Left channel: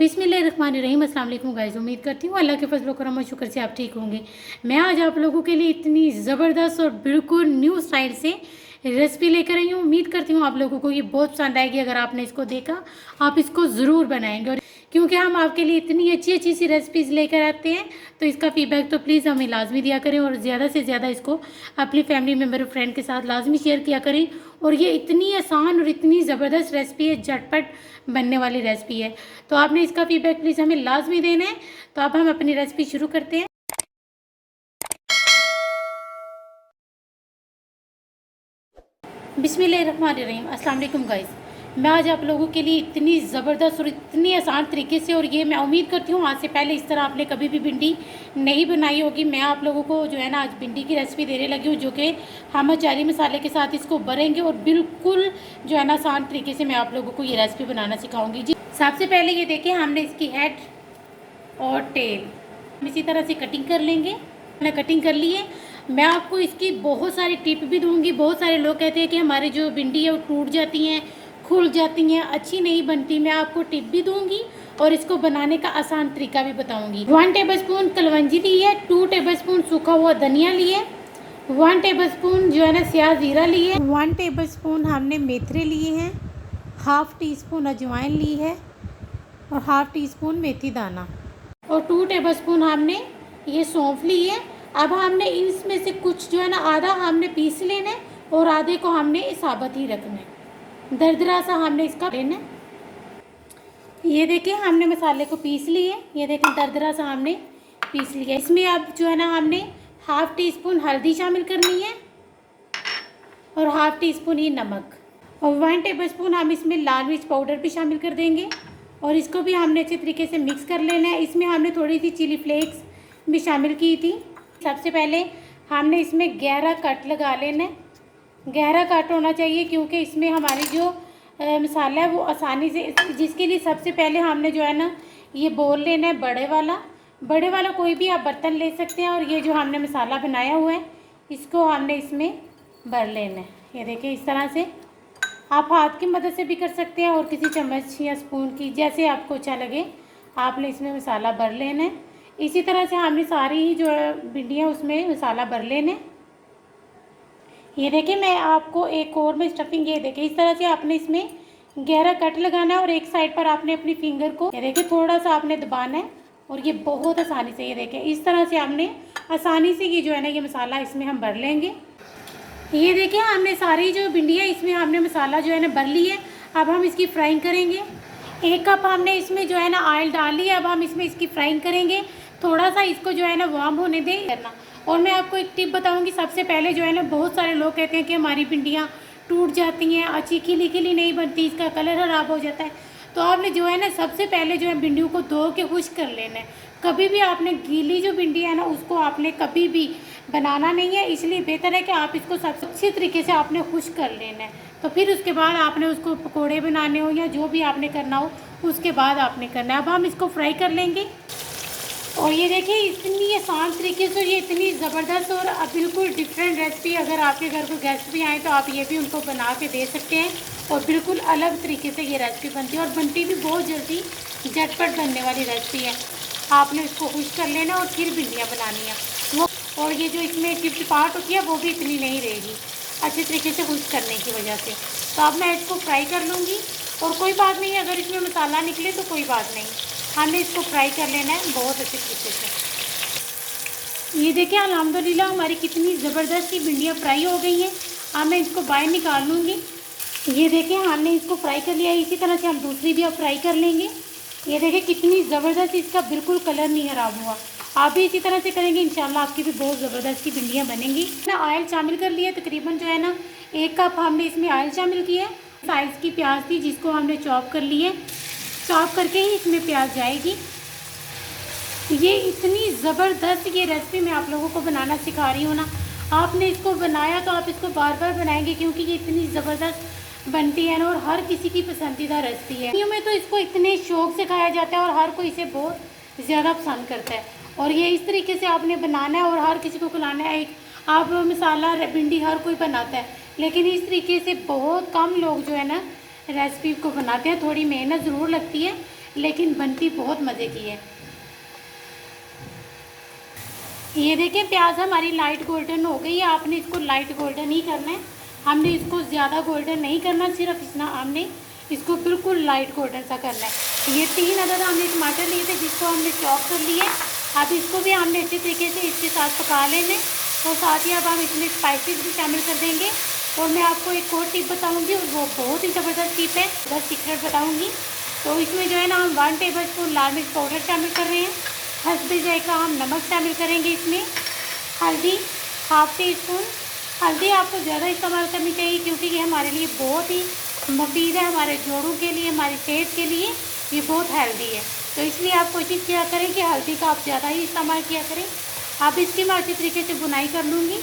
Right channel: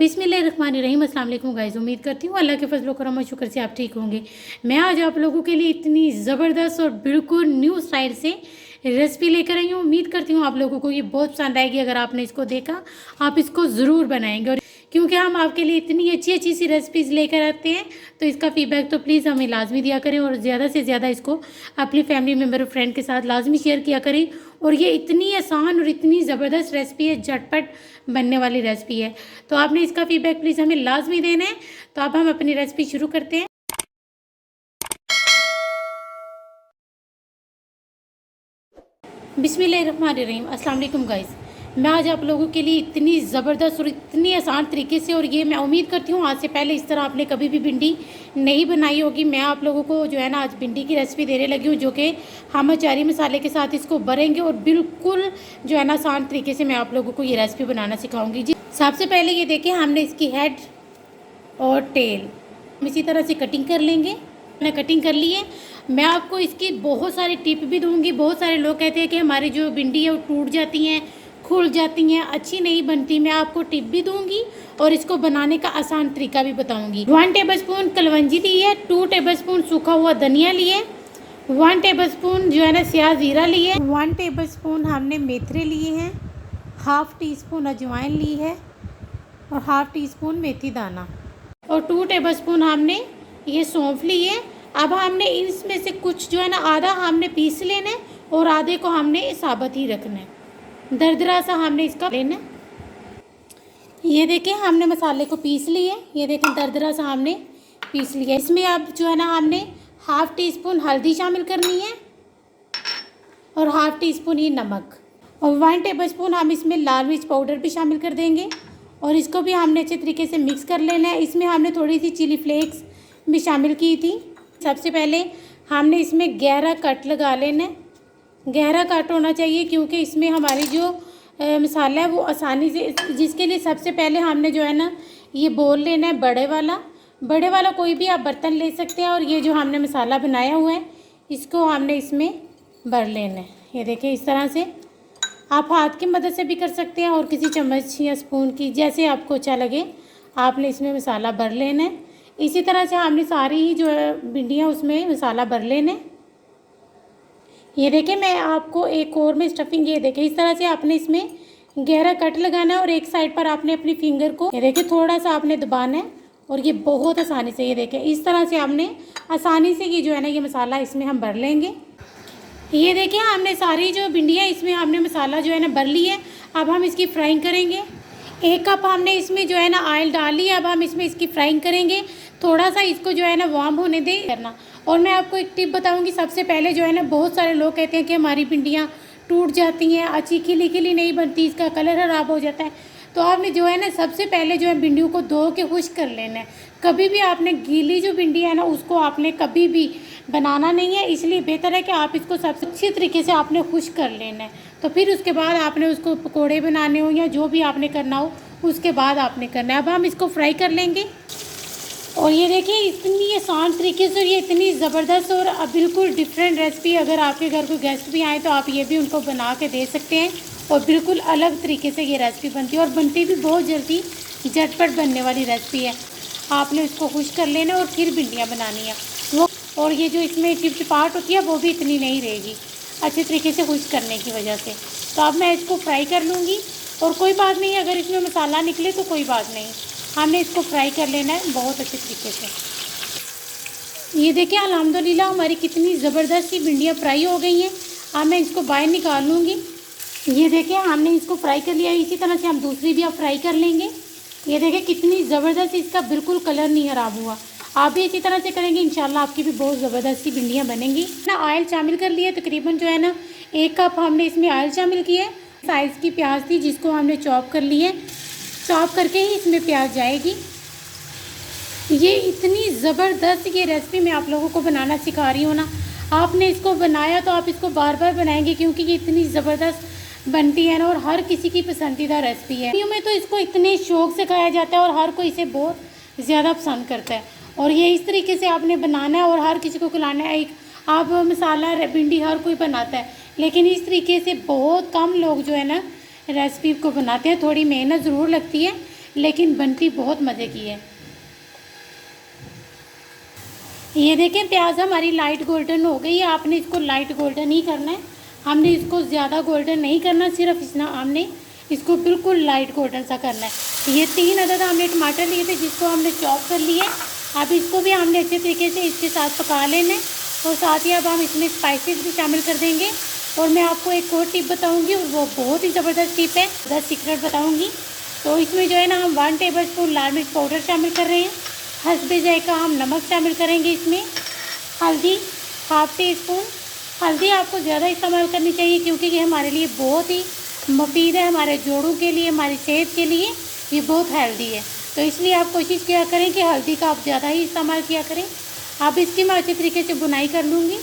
बिस्मिल्लाहिर्रहमानिर्रहीम। अस्सलाम वालेकुम गाइस। उम्मीद करती हूँ अल्लाह के फजल करम और शुक्र से आप ठीक होंगे। मैं आज आप लोगों के लिए इतनी ज़बरदस्त और बिल्कुल न्यू स्टाइल से रेसिपी लेकर आई हूँ। उम्मीद करती हूँ आप लोगों को ये बहुत पसंद आएगी। अगर आपने इसको देखा आप इसको ज़रूर बनाएंगे, और क्योंकि हम आपके लिए इतनी अच्छी अच्छी सी रेसिपीज़ लेकर आते हैं तो इसका फीडबैक तो प्लीज़ हमें लाजमी दिया करें, और ज़्यादा से ज़्यादा इसको अपनी फैमिली मेम्बर और फ्रेंड के साथ लाजमी शेयर किया करें। और ये इतनी आसान और इतनी ज़बरदस्त रेसिपी है, झटपट बनने वाली रेसिपी है, तो आपने इसका फीडबैक प्लीज़ हमें लाजमी देना है। तो अब हम अपनी रेसिपी शुरू करते हैं। बिस्मिल्लाहिर्रहमानिर्रहीम। अस्सलाम वालेकुम गाइस। मैं आज आप लोगों के लिए इतनी ज़बरदस्त और इतनी आसान तरीके से, और ये मैं उम्मीद करती हूँ आज से पहले इस तरह आपने कभी भी भिंडी नहीं बनाई होगी। मैं आप लोगों को जो है ना आज भिंडी की रेसिपी देने लगी हूँ, जो कि हम अचारी मसाले के साथ इसको भरेंगे, और बिल्कुल जो है ना आसान तरीके से मैं आप लोगों को ये रेसिपी बनाना सिखाऊंगी जी। सबसे पहले ये देखें, हमने इसकी हेड और टेल इसी तरह से कटिंग कर लेंगे। मैंने कटिंग कर ली है। मैं आपको इसकी बहुत सारी टिप भी दूंगी। बहुत सारे लोग कहते हैं कि हमारी जो भिंडी है वो टूट जाती हैं, खुल जाती हैं, अच्छी नहीं बनती। मैं आपको टिप भी दूंगी और इसको बनाने का आसान तरीका भी बताऊंगी। 1 टेबलस्पून कलवंजी ली है, 2 टेबलस्पून सूखा हुआ धनिया लिए, 1 टेबलस्पून जो है ना स्याह ज़ीरा लिए, 1 टेबलस्पून हमने मेथरे लिए हैं, हाफ़ टी स्पून अजवाइन ली है, और हाफ़ टी स्पून मेथी दाना, और 2 टेबलस्पून हमने ये सौंफ ली है। अब हमने इसमें से कुछ जो है ना आधा हमने पीस लेना है, और आधे को हमने साबुत ही रखना है। दरदरा सा हमने इसका लेना है। ये देखें हमने मसाले को पीस लिए। ये देखें दरदरा सा हमने पीस लिया। इसमें अब जो है ना हमने हाफ़ टी स्पून हल्दी शामिल करनी है, और हाफ़ टी स्पून ये नमक, और 1 टेबलस्पून हम इसमें लाल मिर्च पाउडर भी शामिल कर देंगे, और इसको भी हमने अच्छे तरीके से मिक्स कर लेना है। इसमें हमने थोड़ी सी चिली फ्लेक्स भी शामिल की थी। सबसे पहले हमने इसमें गहरा कट लगा लेना है। गहरा कट होना चाहिए, क्योंकि इसमें हमारी जो मसाला है वो आसानी से, जिसके लिए सबसे पहले हमने जो है ना ये बोल लेना है बड़े वाला कोई भी आप बर्तन ले सकते हैं। और ये जो हमने मसाला बनाया हुआ है इसको हमने इसमें भर लेना है। ये देखिए इस तरह से आप हाथ की मदद से भी कर सकते हैं, और किसी चम्मच या स्पून की, जैसे आपको अच्छा लगे आपने इसमें मसाला भर लेना है। इसी तरह से हमने सारी ही जो है भिंडियाँ उसमें मसाला भर लेने। ये देखिए मैं आपको एक और में स्टफिंग, ये देखिए इस तरह से आपने इसमें गहरा कट लगाना है, और एक साइड पर आपने अपनी फिंगर को ये देखिए थोड़ा सा आपने दबाना है, और ये बहुत आसानी से, ये देखिए इस तरह से आपने आसानी से ये जो है ना ये मसाला इसमें हम भर लेंगे। ये देखिए हमने सारी जो भिंडियाँ इसमें हमने मसाला जो है ना भर ली है। अब हम इसकी फ्राइंग करेंगे। 1 कप हमने इसमें जो है ना ऑयल डाल लिया। अब हम इसमें इसकी फ्राइंग करेंगे। थोड़ा सा इसको जो है ना वार्म होने दें करना। और मैं आपको एक टिप बताऊंगी। सबसे पहले जो है ना बहुत सारे लोग कहते हैं कि हमारी भिंडियाँ टूट जाती हैं, अच्छी खिली खिली नहीं बनती, इसका कलर ख़राब हो जाता है। तो आपने जो है ना सबसे पहले जो है भिंडियों को धो के खुश्क कर लेना है। कभी भी आपने गीली जो भिंडी है ना उसको आपने कभी भी बनाना नहीं है। इसलिए बेहतर है कि आप इसको सबसे अच्छी तरीके से आपने खुश्क कर लेना है। तो फिर उसके बाद आपने उसको पकोड़े बनाने हो या जो भी आपने करना हो उसके बाद आपने करना है। अब हम इसको फ्राई कर लेंगे। और ये देखिए इतनी आसान तरीके से, और ये इतनी ज़बरदस्त और बिल्कुल डिफरेंट रेसिपी, अगर आपके घर को गेस्ट भी आए तो आप ये भी उनको बना के दे सकते हैं। और बिल्कुल अलग तरीके से ये रेसिपी बनती है, और बनती भी बहुत जल्दी, झटपट बनने वाली रेसिपी है। आपने इसको खुश कर लेना और फिर भिंडियाँ बनानी है वो, और ये जो इसमें चिपचिपाहट होती है वो भी इतनी नहीं रहेगी अच्छे तरीके से खुश करने की वजह से। तो अब मैं इसको फ्राई कर लूँगी, और कोई बात नहीं अगर इसमें मसाला निकले तो कोई बात नहीं, हमने इसको फ्राई कर लेना है बहुत अच्छे तरीके से। ये देखिए अल्हम्दुलिल्लाह हमारी कितनी ज़बरदस्त सी भिंडियाँ फ्राई हो गई हैं। अब मैं इसको बाहर निकाल लूँगी। ये देखिए हमने इसको फ्राई कर लिया। इसी तरह से हम दूसरी भी अब फ्राई कर लेंगे। ये देखिए कितनी ज़बरदस्त, इसका बिल्कुल कलर नहीं खराब हुआ। आप भी इसी तरह से करेंगे, इंशाल्लाह आपकी भी बहुत ज़बरदस्त सी भिंडियाँ बनेंगी ना। ऑयल शामिल कर लिया तकरीबन जो है ना 1 कप हमने इसमें ऑयल शामिल किया है। साइज़ की प्याज थी जिसको हमने चॉप कर ली है। चॉप करके ही इसमें प्याज जाएगी। ये इतनी ज़बरदस्त ये रेसिपी मैं आप लोगों को बनाना सिखा रही हूँ ना, आपने इसको बनाया तो आप इसको बार बार बनाएंगे, क्योंकि ये इतनी ज़बरदस्त बनती है ना, और हर किसी की पसंदीदा रेसिपी है। यूँ में तो इसको इतने शौक़ से खाया जाता है और हर कोई इसे बहुत ज़्यादा पसंद करता है। और ये इस तरीके से आपने बनाना है और हर किसी को खिलाना है। एक आप मसाला भिंडी हर कोई बनाता है, लेकिन इस तरीके से बहुत कम लोग जो है ना रेसिपी को बनाते हैं। थोड़ी मेहनत ज़रूर लगती है, लेकिन बनती बहुत मज़े की है। ये देखें प्याज हमारी लाइट गोल्डन हो गई है। आपने इसको लाइट गोल्डन ही करना है, हमने इसको ज़्यादा गोल्डन नहीं करना, सिर्फ इतना हमने इसको बिल्कुल लाइट गोल्डन सा करना है। ये 3 अदद हमने टमाटर लिए थे जिसको हमने चॉप कर लिया है। अब इसको भी हमने अच्छे तरीके से इसके साथ पका लेना है और साथ ही अब हम इसमें स्पाइसेस भी शामिल कर देंगे। और मैं आपको एक और टिप बताऊंगी और वो बहुत ही ज़बरदस्त टिप है, 10 सीक्रेट बताऊंगी। तो इसमें जो है ना हम 1 टेबलस्पून लाल मिर्च पाउडर शामिल कर रहे हैं। हस्बे जायका हम नमक शामिल करेंगे इसमें। हल्दी 1/2 टीस्पून। हल्दी आपको ज़्यादा इस्तेमाल करनी चाहिए क्योंकि ये हमारे लिए बहुत ही मुफीद है, हमारे जोड़ों के लिए, हमारी सेहत के लिए ये बहुत हेल्दी है। तो इसलिए आप कोशिश किया करें कि हल्दी का आप ज़्यादा ही इस्तेमाल किया करें। अब इसकी मैं अच्छे तरीके से बुनाई कर लूँगी।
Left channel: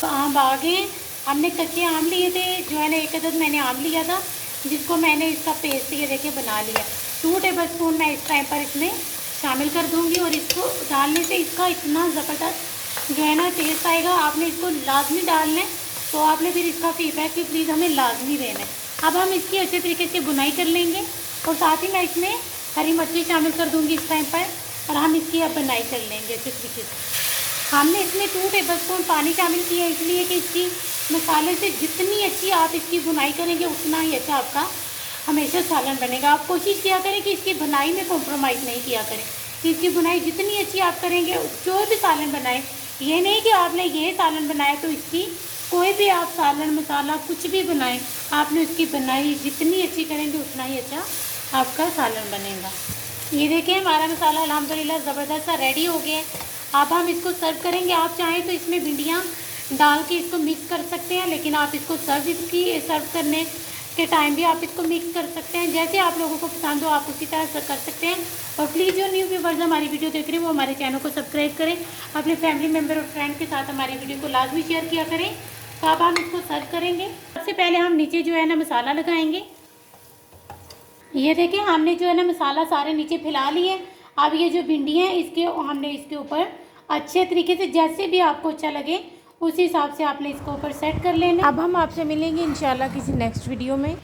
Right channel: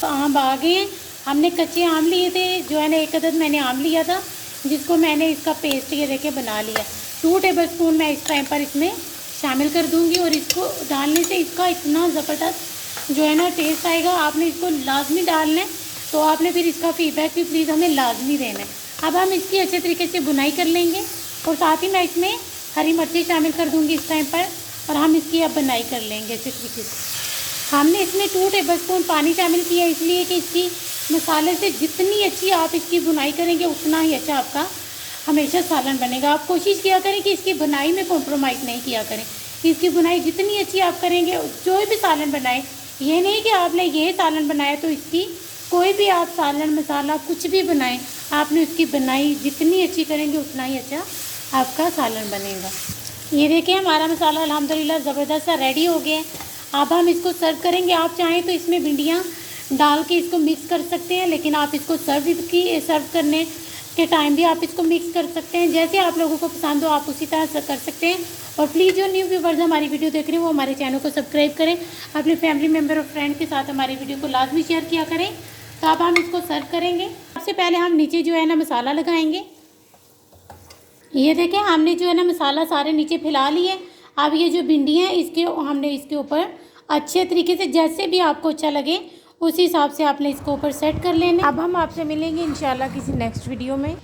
तो आम आ गए हैं, हमने कच्चे आम लिए थे, जो है ना 1 अदद मैंने आम लिया था जिसको मैंने इसका पेस्ट ये देखे बना लिया। 2 टेबलस्पून मैं इस टाइम पर इसमें शामिल कर दूँगी और इसको डालने से इसका इतना ज़बरदस्त जो है ना टेस्ट आएगा। आपने इसको लाजमी डालना है, तो आपने फिर इसका फीडबैक भी प्लीज़ हमें लाजमी देना है। अब हम इसकी अच्छे तरीके से बुनाई कर लेंगे और साथ ही मैं इसमें हरी मिर्ची शामिल कर दूँगी इस टाइम पर और हम इसकी अब बुनाई कर लेंगे अच्छे तरीके से। हमने इसमें 2 टेबलस्पून पानी शामिल किया इसलिए कि इसकी मसाले से जितनी अच्छी आप इसकी बुनाई करेंगे उतना ही अच्छा आपका हमेशा सालन बनेगा। आप कोशिश किया करें कि इसकी बुनाई में कॉम्प्रोमाइज़ नहीं किया करें। इसकी बुनाई जितनी अच्छी आप करेंगे, जो भी सालन बनाए, ये नहीं कि आपने ये सालन बनाया तो इसकी कोई भी आप सालन मसाला कुछ भी बनाएं, आपने उसकी बुनाई जितनी अच्छी करेंगे उतना ही अच्छा आपका सालन बनेगा। ये देखिए हमारा मसाला अल्हम्दुलिल्लाह ज़बरदस्त सा रेडी हो गया है। अब हम इसको सर्व करेंगे। आप चाहें तो इसमें भिंडियाँ डाल के इसको मिक्स कर सकते हैं, लेकिन आप इसको सर्व करने के टाइम भी आप इसको मिक्स कर सकते हैं। जैसे आप लोगों को पसंद हो आप उसी तरह से कर सकते हैं। और प्लीज़ जो न्यू व्यूवर्स हमारी वीडियो देख रहे हैं वो हमारे चैनल को सब्सक्राइब करें, अपने फैमिली मेम्बर और फ्रेंड के साथ हमारी वीडियो को लाजमी शेयर किया करें। तो अब हम इसको सर्व करेंगे। सबसे पहले हम नीचे जो है ना मसाला लगाएंगे। ये देखें हमने जो है ना मसाला सारे नीचे फैला लिए। अब ये जो भिंडी है इसके हमने इसके ऊपर अच्छे तरीके से जैसे भी आपको अच्छा लगे उस हिसाब से आपने इसको ऊपर सेट कर लेना। अब हम आपसे मिलेंगे इंशाल्लाह किसी नेक्स्ट वीडियो में।